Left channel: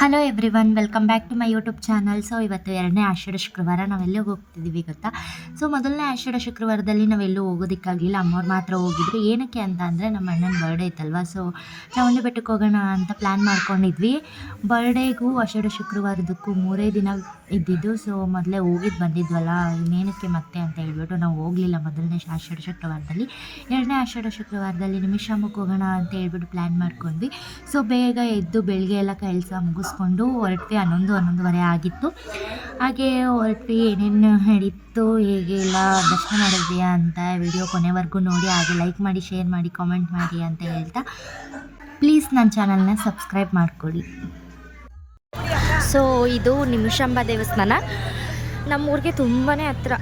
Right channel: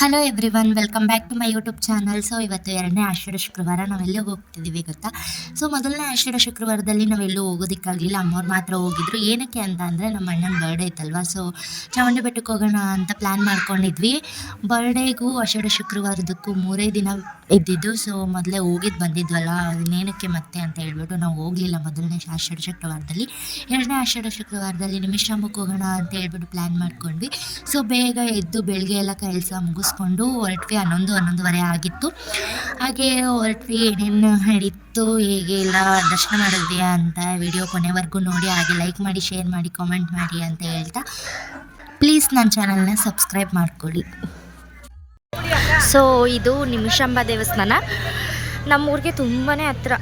Hello everyone, welcome back to my YouTube channel. So ಇವತ್ತು ಎರಡನೇ ಆಷಾಢ ಶುಕ್ರವಾರ. ನಾವೆಲ್ಲೂ ಹೋಗ್ತಿದ್ದೀವಿ ಗೊತ್ತಾ? ಸೊ ಮೊದಲನೇ ಆಷಾಢ ಶುಕ್ರವಾರದಲ್ಲಿ ನಾವೆಲ್ಲೂ ಹೋಗೋದಕ್ಕಾಗಲಿಲ್ಲ. ಅಮ್ಮವ್ರು ಮಾತ್ರ ಹೋಗಿದ್ರು. ಏನಕ್ಕೆ ಅಂತ ಅಂದರೆ ನಮ್ಮ ಅಣ್ಣನ ಬರ್ಡೇ ಇತ್ತಲ್ವ. ಸೊ ಚಾಮುಂಡಿ ಬೆಟ್ಟಕ್ಕೆ ಹೋಗೋಣ ಅಂತ ಪ್ಲ್ಯಾನ್ ಮಾಡ್ಕೊಂಡಿದ್ವಿ. ಬರ್ಡೇಗೂ ಆಷಾಢ ಶುಕ್ರವಾರದಕ್ಕೂ 3 ದಿನ ಇದ್ದಿದ್ದು. ಸೊ ಮೊದಲೇ ಹೋಗಿದ್ದು ಬಂದಿದ್ವಲ್ಲ, ಇನ್ನೇನಕ್ಕೆ ಮತ್ತೆ ಅಂತ ಹೇಳ್ಬಿಟ್ಟು ನಾವು ಹೋಗಲಿಲ್ಲ ಮೊದಲನೇ ಆಷಾಢ ಶುಕ್ರವಾರದಲ್ಲಿ. ಎರಡನೇ ಆಷಾಢ ಶುಕ್ರವಾರದಲ್ಲಿ ನಿಮಿಷಾಂಬಕ್ಕೆ ಹೋಗೋಣ ಅಂತ ಹೇಳ್ಬಿಟ್ಟು ಪ್ಲ್ಯಾನ್ ಮಾಡ್ಕೊಂಡ್ವಿ. ಸೊ ಬೇಗ ಎದ್ದು ಬೆಳಗ್ಗೆ ಎಲ್ಲ ಕೆಲಸ ಮುಗಿಸ್ಕೊಂಡು ಹೊರಟ್ವಿ. 11:30 ಆಗಿತ್ತು. ಹಾಗೆ ಹೊರಟ್ವಿ. ಏನೇನು ನಡೀತು, ಹೇಗೆ ಎಲ್ಲ ದರ್ಶನ ಮಾಡಿದ್ವಿ ಅಂತ ವಿಡಿಯೋ ಕೊನೆವರೆಗೂ ನೋಡಿ. ಹಾಗೆ ಲೈಕ್ ಮಾಡಿ, ಶೇರ್ ಮಾಡಿ, ಕಾಮೆಂಟ್ ಮಾಡಿ ಅಂತ ಹೇಳ್ತಾ ಪ್ಲೀಸ್ ನನ್ನ ಚಾನಲ್ನ ಸಬ್ಸ್ಕ್ರೈಬ್ ಮಾಡ್ಕೊಳ್ಳಿ. ಸೊ ಇದು ನಿಮಿಷಾಂಬ ದೇವಸ್ಥಾನ ನಮ್ಮೂರಿಗೆ ತುಂಬಾ ಹತ್ರ.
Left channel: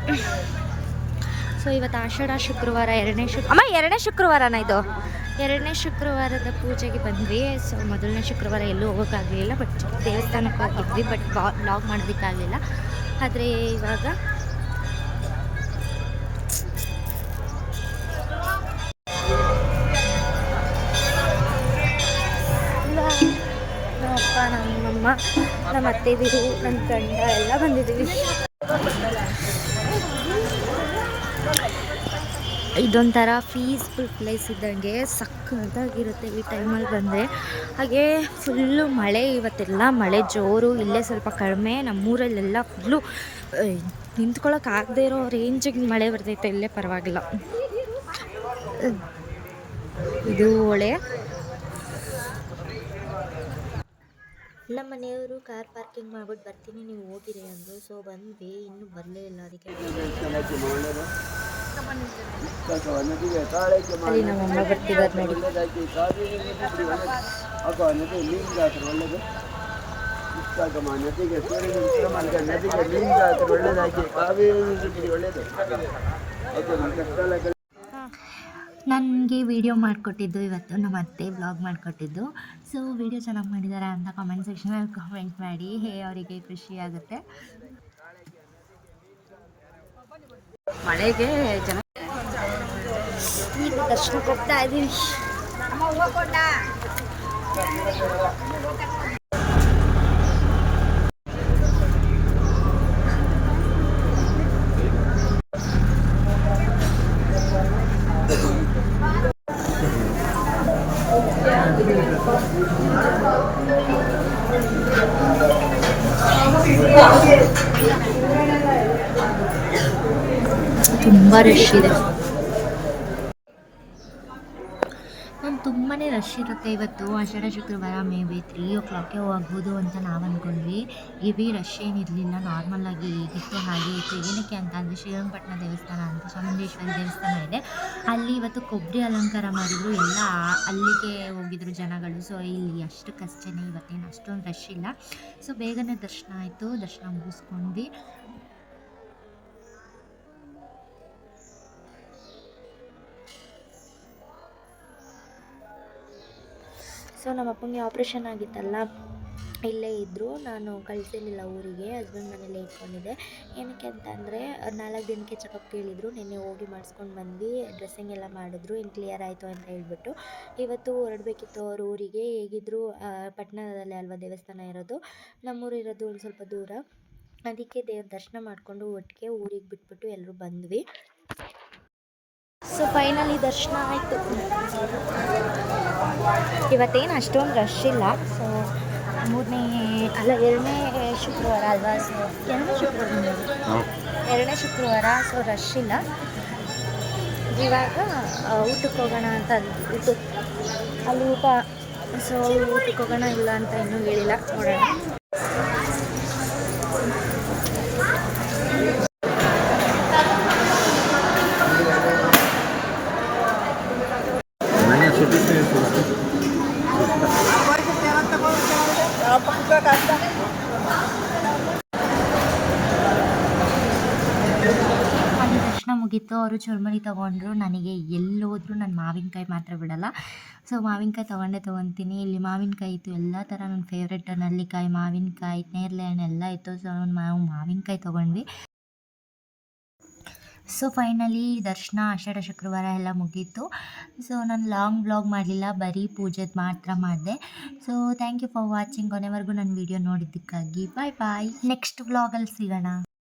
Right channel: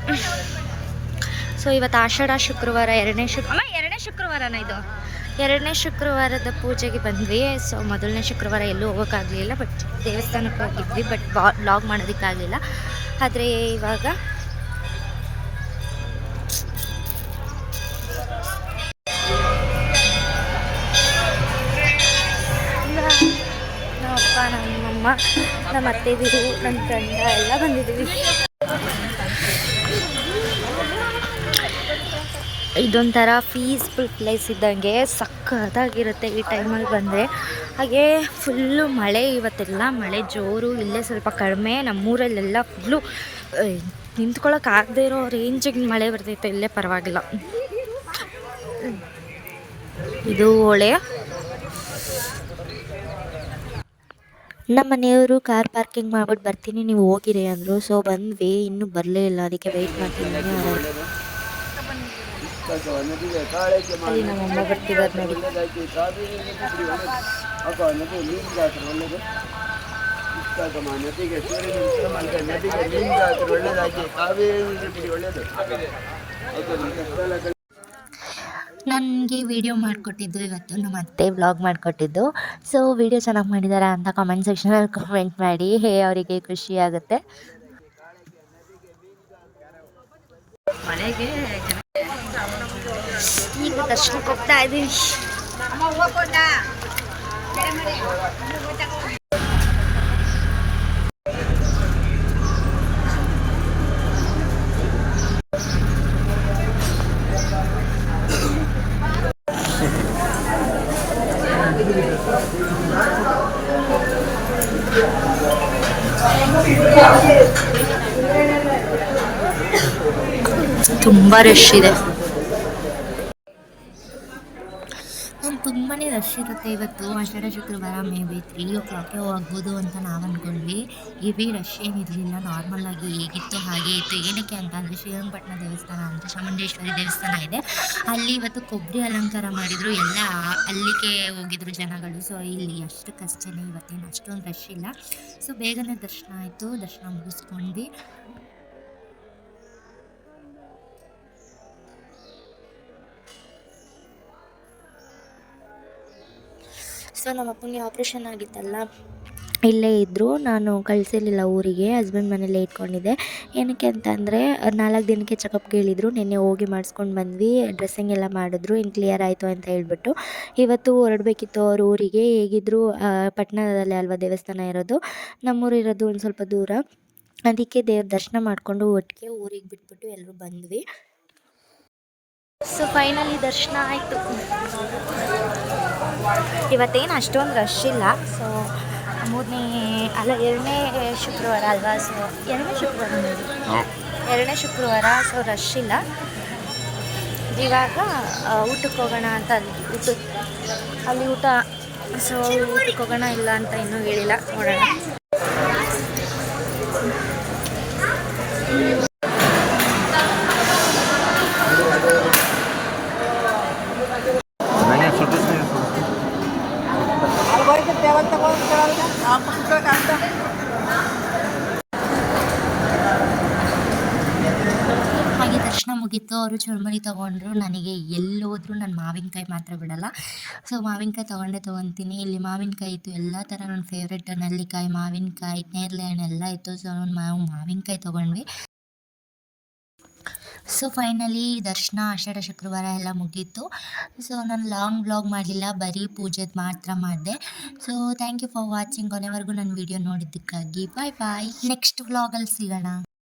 ಸೊ ಇವತ್ತು ಆಷಾಢ ಶುಕ್ರವಾರ, ಎರಡನೇ ಶುಕ್ರವಾರನ ಇದು. ಎರಡನೇ ಶುಕ್ರವಾರದ ಪೂಜೆಗೆ ಬಂದ್ವಿ. ಸೊ ಮೊದಲನೇ ಶುಕ್ರವಾರ ಎಲ್ಲೂ ಹೋಗೋಕ್ಕಾಗಲಿಲ್ಲ, ಬಟ್ ದೇವಸ್ಥಾನಕ್ಕೆ ಹೋಗಿದ್ವಿ. ಬಟ್ ವ್ಲಾಗ್ ಮಾಡೋದಕ್ಕಾಗಲಿಲ್ಲ. ಆದರೆ ಇವಾಗ ನಮ್ಮಪ್ಪ, ನಮ್ಮಮ್ಮ, ನಮ್ಮ ಅತ್ತೆದಿರು, ನನ್ನ ಗಂಡ ಎಲ್ಲ ಬಂದಿದ್ದೀವಿ. ಇದೊಂಥರ ಪೀಸ್ಫುಲ್ ಪ್ಲೇಸ್ ಇದ್ದಂಗೆ ಸಕ್ಕತ್ತಾಗಿರುತ್ತೆ ಈ ಟೈಮಲ್ಲಿ ಬಂದರೆ. ಹಾಗೆ ಫುಲ್ಲು ಮಳೆ, ಇವತ್ತೆಲ್ಲ ಮಳೆ ಜೋರು. ಇಲ್ಲೇ ಸ್ವಲ್ಪ ಕಡಿಮೆ. ನಮ್ಮೂರಲ್ಲೆಲ್ಲ ಫುಲ್ಲು ನಿಂತ್ಕೊಳ್ಳೋಕ್ಕಾಗದೇ ಇರೋ ರೇಂಜಿಗೆ ಮಳೆ ಬರ್ತೈತೆ. ಇಲ್ಲೇ ಪರವಾಗಿಲ್ಲ. ಇದು ಹೊಳೆ. ನಮ್ಮ ಮನೆಯವರು ಕಾರ್ ಪಾರ್ಕಿಂಗ್ ಮಾಡ್ಬಿಟ್ಟು ಬರ್ತೀನಿ ನೀವು ಹೋಗಿರಿ ಅಂದರು. ಸೊ ಬಂದ್ವಿ, ಇನ್ನೂ ಬರಲೇ ಇಲ್ಲ. ಅದಕ್ಕೆ ವೆಯ್ಟ್ ಮಾಡ್ತೀನಿ. ಅಲ್ಲಿ ನಮ್ಮಮ್ಮ ಬರ್ತಿದ್ದಾರೆ ನೋಡಿ. ನನಗೆ ವಿಡಿಯೋ ಮಾಡಿಕೊಟ್ಟಿದ್ದು ಇವತ್ತು ನಮ್ಮ ಅತ್ತೆ, ವ್ಲಾಗ್ ಮಾಡಿಕೊಟ್ಟಿದ್ದು. ಸೊ ವಿಡಿಯೋ ಚೆನ್ನಾಗಿ ಮಾಡಿದ್ದಾರೆ ಅಂತ ಕಾಮೆಂಟ್ ಸೆಕ್ಷನಲ್ಲಿ ಕಾಮೆಂಟ್ ಮಾಡಿ. ಅವರಿಗೆ ಖುಷಿ ಆಗುತ್ತೆ. ಮಳೆಗೆ ಈಗ ದರ್ಶನಕ್ಕೆ ಹೋಗ್ತಾ ಇದ್ದೀವಿ. ತುಂಬ ರಶ್ ಇದೆ. ತುಂಬಾ ರಶ್ ಇರುತ್ತೆ ಇವತ್ತು ಆಷಾಢ ಶುಕ್ರವಾರ. ಮೇ ಬಿ 3 o'clock ಹೋಗ್ಬೋದು ಅಂತ ನಾವು ಅಂದ್ಕೊಂಡ್ವಿ. ಹೆವಿ ರಶ್ ಏನಿರಲಿಲ್ಲ, ನಾರ್ಮಲಾಗಿ ಹೇಗಿತ್ತು ಹಾಗೆ ಇತ್ತು. ಏನಕ್ಕೆ ಅಂತ ಅಂದರೆ ಶ್ರೀರಂಗಪಟ್ಟಣ ದೇವಸ್ಥಾನ ಅಂತ ಚಾಮುಂಡೇಶ್ವರಿ ದೇವಸ್ಥಾನ ಇದೆ. ಅಲ್ಲಿ ಇವತ್ತು ಕೊಬ್ಬರಿ ಅಲಂಕಾರ ಮಾಡಿದರು. ಎಲ್ಲ ಅಲ್ಲಿಗೆ ಹೋಗಿದ್ರು ಜನಗಳು. ಸೊ ಇಲ್ಲಿ ಅಷ್ಟಕ್ಕಷ್ಟೇ, ಇವತ್ತೇನು ಅಷ್ಟೊಂದು ರಶ್ ಇಲ್ಲ. ಸೊ ಬೇಗನೆ ದರ್ಶನ ಆಯಿತು. ದರ್ಶನ ಮುಗಿಸ್ಕೊಂಡ್ವಿ. ಸೊ ನಮ್ಮ ಅಪ್ಪಂಗೆ ಆಪ್ರೇಷನ್ ಆಗಿತ್ತಲ್ಲ, ಇಲ್ಲೇ ಇದ್ದರು. ನಾನು ಕಳಿಸಿರಲಿಲ್ಲ ಊರಿಗೆ, ಹಸ್ಬೆಂಡ್ ಮನೇಲೇ ಇಟ್ಕೊಂಡಿದ್ದೆ. ಏನಕ್ಕೆ ಅಂತಂದರೆ 4 ದಿನಕ್ಕೆ ಚೆಕಪ್ಗೆ ಹೇಳಿದರು. ನಿನ್ನೆ ಹೋಗಿ ಮಾಡಿಸ್ಕೊಂಡು ಬಂದ್ವಿ. ಡ್ರೆಸ್ಸಿಂಗ್ ಎಲ್ಲ ಮಾಡಿದ್ರು, ಇನ್ನು ಕ್ಲಿಯರ್ ಆಯಿತು ಅಂತ ಹೇಳ್ಬಿಟ್ಟು. ಇವತ್ತು ಹೊರಡಬೇಕಿತ್ತು ಅವ್ರ ಊರಿಗೆ. ಹೇಗಿದ್ದರೂ ಪಟ್ಟಣದಲ್ಲೇ ಅಲ್ವಾ ದೇವಸ್ಥಾನ ಇರೋದು, ನಮ್ಮೂರು ಇರೋದು ಒಂದು ಸ್ವಲ್ಪ ದೂರ. ಅದಕ್ಕೆ ದೇವ್ರ ದರ್ಶನ ಮಾಡಿಕೊಂಡು ಒಟ್ಟಿಗೆ ಊರಿಗೆ ಬಿಟ್ಬಿಟ್ಟು ಎಲ್ಲರೂ ಬಂದ್ವಿ. ಸೊ ಫೈನಲಿ ದರ್ಶನ ಆಯಿತು. ಇವತ್ತೇನು ಅಷ್ಟೊಂದು ರಶ್ ಇಲ್ಲ. ಸೊ ಎರಡನೇ ಶುಕ್ರವಾರ ಅಲ್ವಾ. ಸೊ ಎರಡನೇ ಶುಕ್ರವಾರ ಸೊ ರಶ್ ಇಲ್ಲ. ಇವಾಗ ಊಟಕ್ಕೆ ಹೋಗೋಣ ಅಂತ ಅಲ್ಲಿ ಊಟ. ಸೊ ಊಟಕ್ಕೆ ಹೋಗೋಣ ಇಲ್ಲ ಅಂತ ಇನ್ನೂ ಹೇಳಿಲ್ಲ, ನೋಡೋಣ. ಹಾಗೆ ದರ್ಶನ ಮುಗೀತು. ಅವರು ಚುರುಮುರಿ ತೊಗೊಂಡ್ರು. ನನಗೆ ಎಲ್ಲೋದ್ರೂ ನಾನು ಮಾವಿನಕಾಯಿ ಮಾತ್ರ ಬಿಡಲ್ಲ. ಸೊ ಮಾವಿನಕಾಯಿ ತೊಗೊತೀನಿ. ಇಲ್ಲಿ ಮಾವಿನಕಾಯಿ ಇತ್ತು, ಎಲ್ಲ ಥರ ನನ್ನ ಫೇವ್ರೆಟ್. ನಲ್ಲಿಕಾಯಿ, ಮಾವಿನಕಾಯಿ, ನೇರಳೆ ಹಣ್ಣು ಎಲ್ಲ ಇತ್ತು. ಸೊ ನಾವು ಮಾವಿನಕಾಯಿ ತೊಗೊಂಡ್ವಿ. ಸೊ ಫೈನಲಿ ದರ್ಶನ ಆಷಾಢ ಶುಕ್ರವಾರ ಎಲ್ಲ ಮುಗೀತು. ಸೊ ನಾನು ಲಾಂಗ್ ಬ್ಲಾಗ್ ಮಾಡಲಿಲ್ಲ, ಬರೀ ಪೂಜೆದು ಮಾತ್ರ ಮಾಡಿದೆ. So thank you for watching. ಕೊನೆವರೆಗೂ ನನ್ನ ವಿಡಿಯೋ ನೋಡಿದ್ದಕ್ಕಾಗಿ ಬಾಯ್ ಬಾಯ್. ನೆಕ್ಸ್ಟ್ ವ್ಲಾಗಲ್ಲಿ ಸಿಗೋಣ.